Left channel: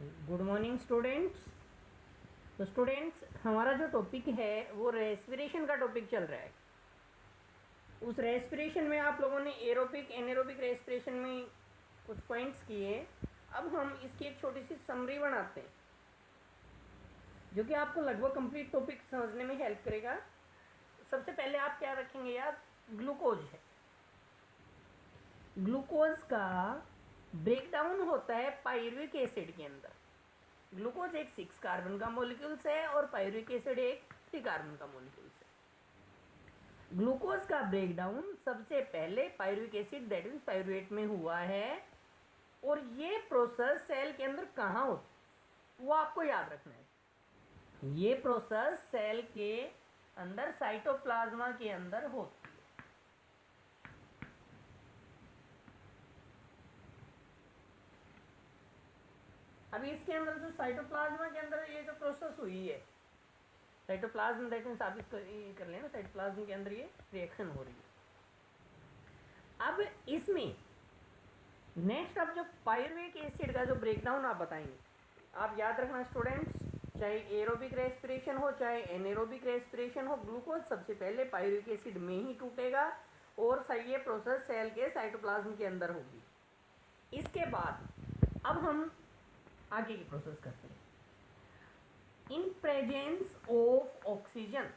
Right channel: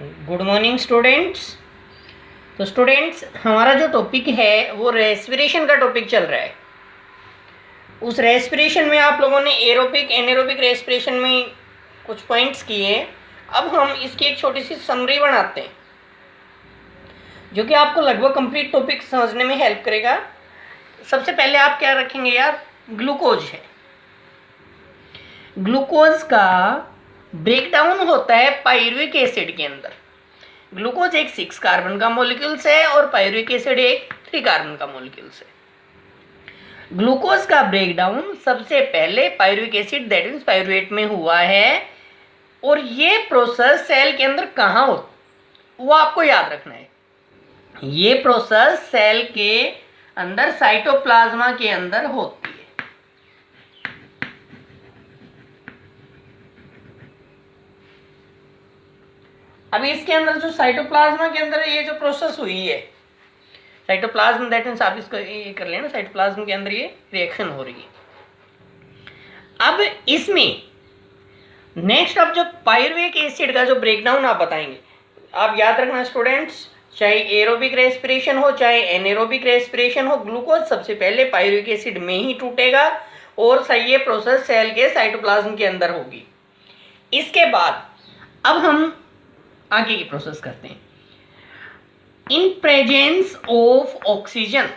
Good morning students. तो students, हमारा जो टॉपिक है वो रेस्पिरेशन का टॉपिक चल रहा है। उस रेस्पिरेशन में आप लोगों ने एरोबिक एनारोबिक रेस्पिरेशन में कुछ पॉइंट्स किए। अब हम इसकी एक छोटी सी समरी बनाते हैं जो कि आपको लगभग कंप्लीट टॉपिक समझने में हेल्प करेगा। सबसे पहले आप क्या रखेंगे यार, ग्लूकोज है। ग्लूकोज का ब्रेकडाउन होता है पायरुविक एसिड के अंदर। ग्लूकोज एक 6 कार्बन का मॉलिक्यूल्स है और पायरुविक एसिड एक 3 कार्बन का मॉलिक्यूल्स है। ग्लूकोज का ब्रेकडाउन सबसे पहले pyruvic acid that means pyruvate में हुआ है। और ये प्रोसेस सेल के अंदर कहाँ हो वो आपको याद रखना है। ये प्रोसेस सेल के अंदर साइटोप्लाज्मा के अंदर होती है। अभी इसके अंदर जो साइटोप्लाज्मा के अंदर ये जो प्रोसेस हुई है, साइटोप्लाज्म दैट मीन्स आप इसको ये कर लेना, साइटोप्लाज्म के अंदर ये रिएक्शन हो रही है। अब इसमें नेक्स्ट अब जो पायरुविक एसिड का जो ब्रेकडाउन आप बताएंगे, आप याद रखना स्टूडेंट्स, चाहे एरोबिक रेस्पिरेशन हो चाहे एनारोबिक रेस्पिरेशन हो, ग्लूकोज सबसे पहले पायरुविक एसिड में ही टूटेगा और सही ये प्रोसेस सेल के साइटोप्लाज्म के अंदर होगी। इसके बाद अब हम आगे की प्रोसेस करते हैं। In presence of oxygen,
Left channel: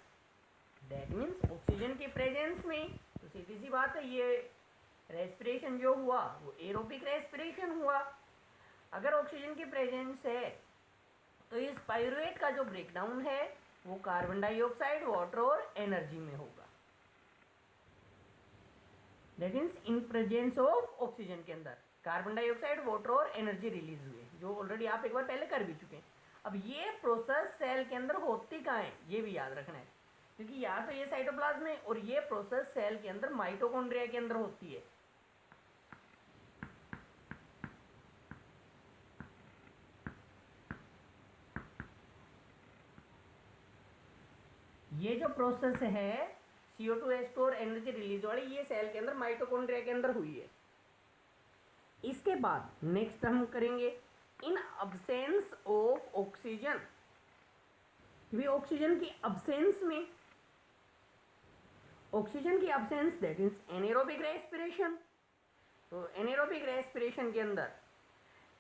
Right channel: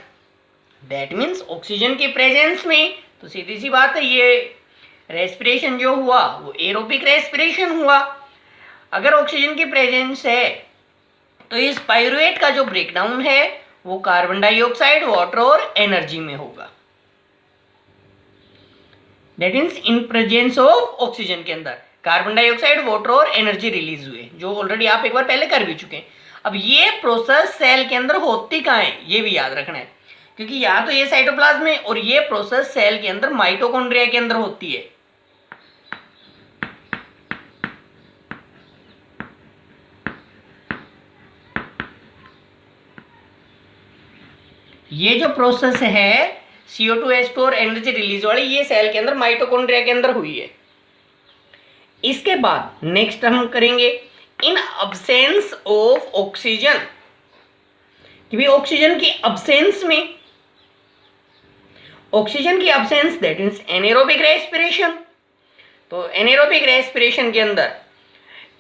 that means oxygen के प्रेजेंस में, तो सीधी सी बात है ये रेस्पिरेशन जो हुआ वो एरोबिक रेस्पिरेशन हुआ। अगर ऑक्सीजन की प्रेजेंस है तो इस पायरुवेट का जो ब्रेकडाउन है वो कार्बन डाइऑक्साइड, वाटर और एनर्जी में होगा। That means in presence of oxygen के अंदर कार्बन डाइऑक्साइड, वाटर और एनर्जी रिलीज हुए, जो ऑलरेडी आप एक बार पहले कर भी चुके हैं। अब ये प्रोसेस सेल के अंदर होती कहाँ है ये भी याद रखना है, क्योंकि या तो ये साइटोप्लाज्म में और ये प्रोसेस सेल के अंदर माइटोकॉन्ड्रिया के अंदर होती है। ये जो प्रोसेस है CO2H2 और एनर्जी रिलीज वाली, ये सेल के अंदर माइटोकॉन्ड्रिया के अंदर हुई है। इसके बाद नेक्स्ट हम करेंगे इन अब्सेंस ऑफ ऑक्सीजन, कि भी ऑक्सीजन की अब्सेंस में, ऑक्सीजन की absence that means anaerobic respiration. तो एनारोबिक रेस्पिरेशन के अंदर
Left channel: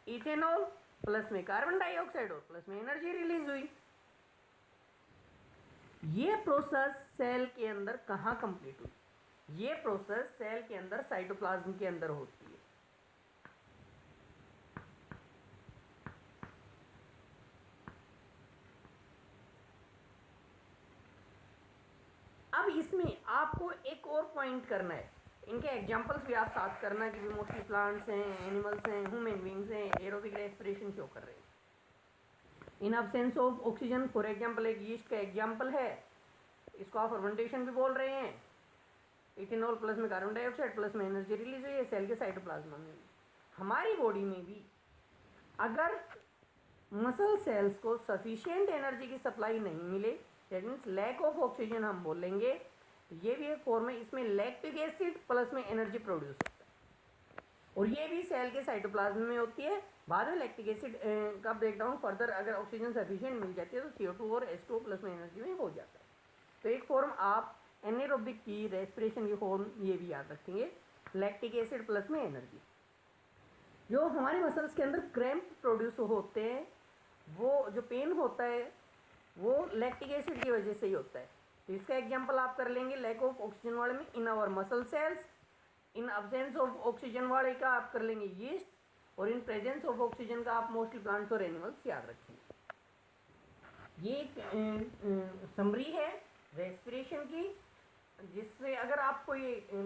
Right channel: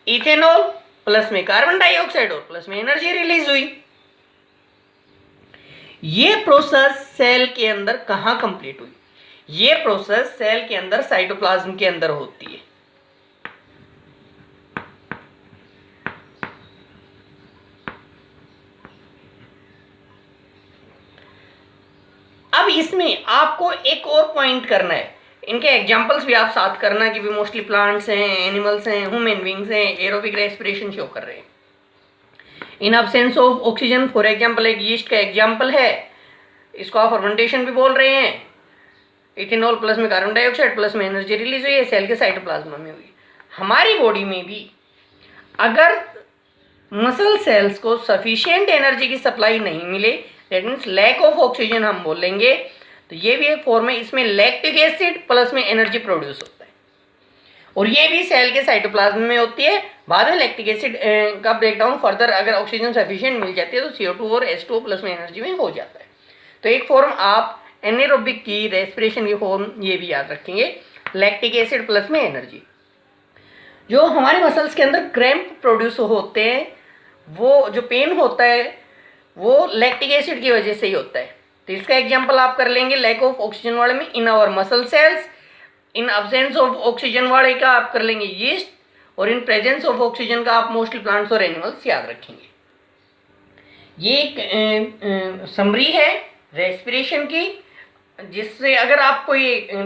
इथेनॉल प्लस में कार्बन डाइऑक्साइड और प्लस में एनर्जी रिलीज हुई। ये प्रोसेस सेल के अंदर कहाँ कंप्लीट हुई? ये प्रोसेस सेल के अंदर साइटोप्लाज्म के अंदर होती है। अब इसमें आपको एक और पॉइंट करना है, इनके एग्जांपल्स भी आप साथ करना कि भी मोस्टली प्लांट्स हैं, एनिमल्स हैं, ह्यूमन बींग्स हैं, एरोबिक रेस्पिरेशन शो कर रहे हैं। इन absence of oxygen, for example एक यीस्ट का एग्जांपल है, इसको आप फर्मेंटेशन भी बोल रहे हैं। इथेनॉल प्लस में कार्बन डाइऑक्साइड प्लस में एनर्जी रिलीज हुई है, सेल के साइटोप्लाज्म में हुई। हमारी बॉडी में भी अगर मसल सेल्स को सफिशिएंट एनर्जी की सप्लाई नहीं मिले, that means lack of oxygen हम बोलेंगे, तो ये भी एक फॉर्म है, इसमें लैक्टिक एसिड प्लस में एनर्जी प्रोड्यूस होता है और ये भी सेल के साइटोप्लाज्म में होती है। बाद में लैक्टिक एसिड का ब्रेकडाउन फर्दर अगर ऑक्सीजन सफिशिएंट मिल जाती है तो CO2 और H2O प्लस में एनर्जी में हो जाता है। तो एक फॉर्म आप एनारोबिक की रेस्पिरेशन की फॉर्म ये भी याद रखेंगे, लैक्टिक एसिड प्लस में एनर्जी। जो हमारे मसल्स के अंदर क्रैम्प प्रोड्यूस होते हैं, वो जो पेन होता है वो लैक्टिक एसिड की वजह से ही होता है। तो इसका एग्जांपल आप कर लेंगे लैक ऑफ ऑक्सीजन वाले में in our muscle cells, in absence of oxygen वाले का आप कर लेंगे यीस्ट, और इन प्रेजेंस ऑफ ऑक्सीजन का आप मोस्टली प्लांट्स और एनिमल्स याद रखेंगे। ये एक समरी है रेस्पिरेशन की, जिससे अगर आपको ये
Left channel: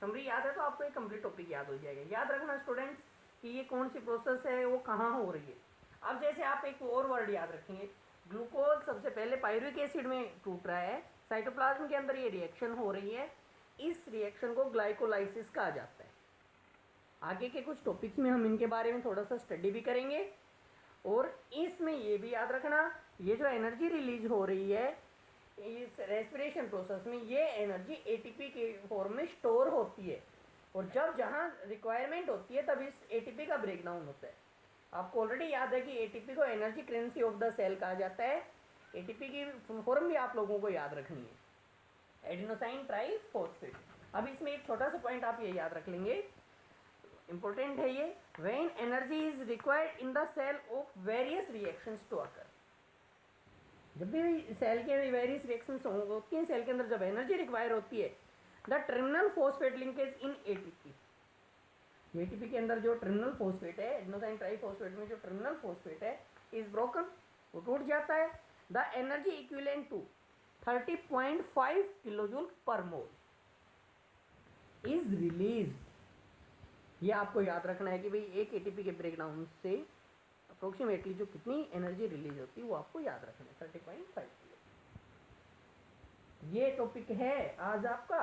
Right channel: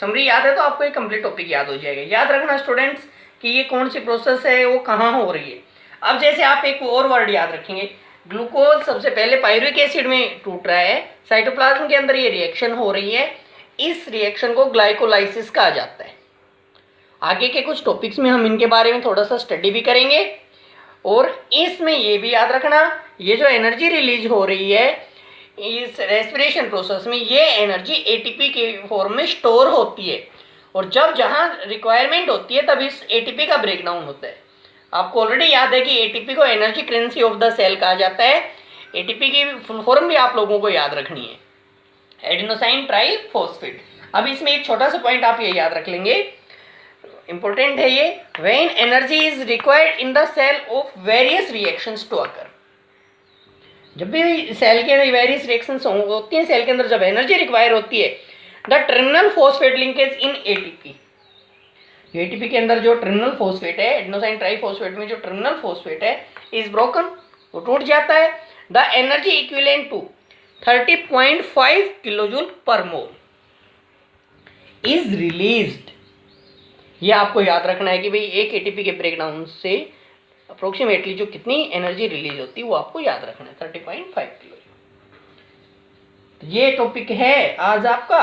समरी याद है तो आपको ये कंप्लीट टॉपिक याद हो जाएगा। याद रखना स्टूडेंट्स कि ये कौन सी प्रोसेस है, वो कहाँ हो रही है। अब जैसे आप एक और वर्ड याद रखेंगे, ग्लूकोज सबसे पहले पायरुविक एसिड में टूट रहा है, साइटोप्लाज्म के अंदर ये रिएक्शन हो रही है, इस रिएक्शन को ग्लाइकोलाइसिस कहा जाता है। आगे के कुछ टॉपिक्स में हम इनके बारे में थोड़ा सा स्टडी भी करेंगे। और इसमें ये भी याद रखना, ये जो एनर्जी रिलीज हो रही है इस रेस्पिरेशन प्रोसेस में, ये एनर्जी ATP के फॉर्म में स्टोर होती है और जब जहाँ रिक्वायरमेंट होती है तब इस ATP का ब्रेकडाउन होता है। आपको ऑलरेडी याद है कि एटीपी को energy currency of the cell कहा जाता है। एटीपी की फुल फॉर्म भी आप लोगों को याद रखनी है, एडेनोसाइन ट्राइफॉस्फेट। अब इसमें एक छोटा सा पॉइंट आप ये याद रख लेंगे, इंपॉर्टेंट है ये, when energy is required in the cell of various reactions to occur. जब भी सेल के अंदर वेरियस रिएक्शंस होती हैं, सेल के अंदर जब एनर्जी रिक्वायर होती है, the terminal phosphate linkage in ATP, ATP के अंदर जो टर्मिनल फॉस्फेट है, एडेनोसाइन ट्राइफॉस्फेट में जो टर्मिनल फॉस्फेट है इज ब्रोकन, वो टूट जाता है। The energy equivalent to 30.5 kilojoule per mole is released. ये आपको याद रखना है कि भाई एक एटीपी के ब्रेकडाउन से अप्रोक्सीमेटली जो कितनी एनर्जी रिलीज होती है वो आपको याद रखना है, 30.5 किलो। ये टॉपिक है आज आपका,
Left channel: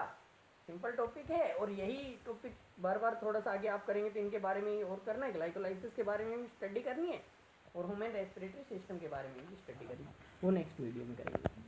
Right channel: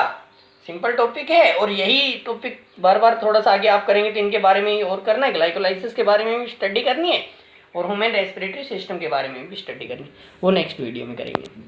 सिंपल टॉपिक है, और यही टॉपिक बार बार थोड़ा सा आगे आप करेंगे तो इनके बारे में ही और करना है, ग्लाइकोलाइसिस के बारे में भी स्टडी करनी है और ह्यूमन रेस्पिरेटरी सिस्टम के बारे में भी स्टडी करनी है, वो नेक्स्ट वीडियो में करेंगे।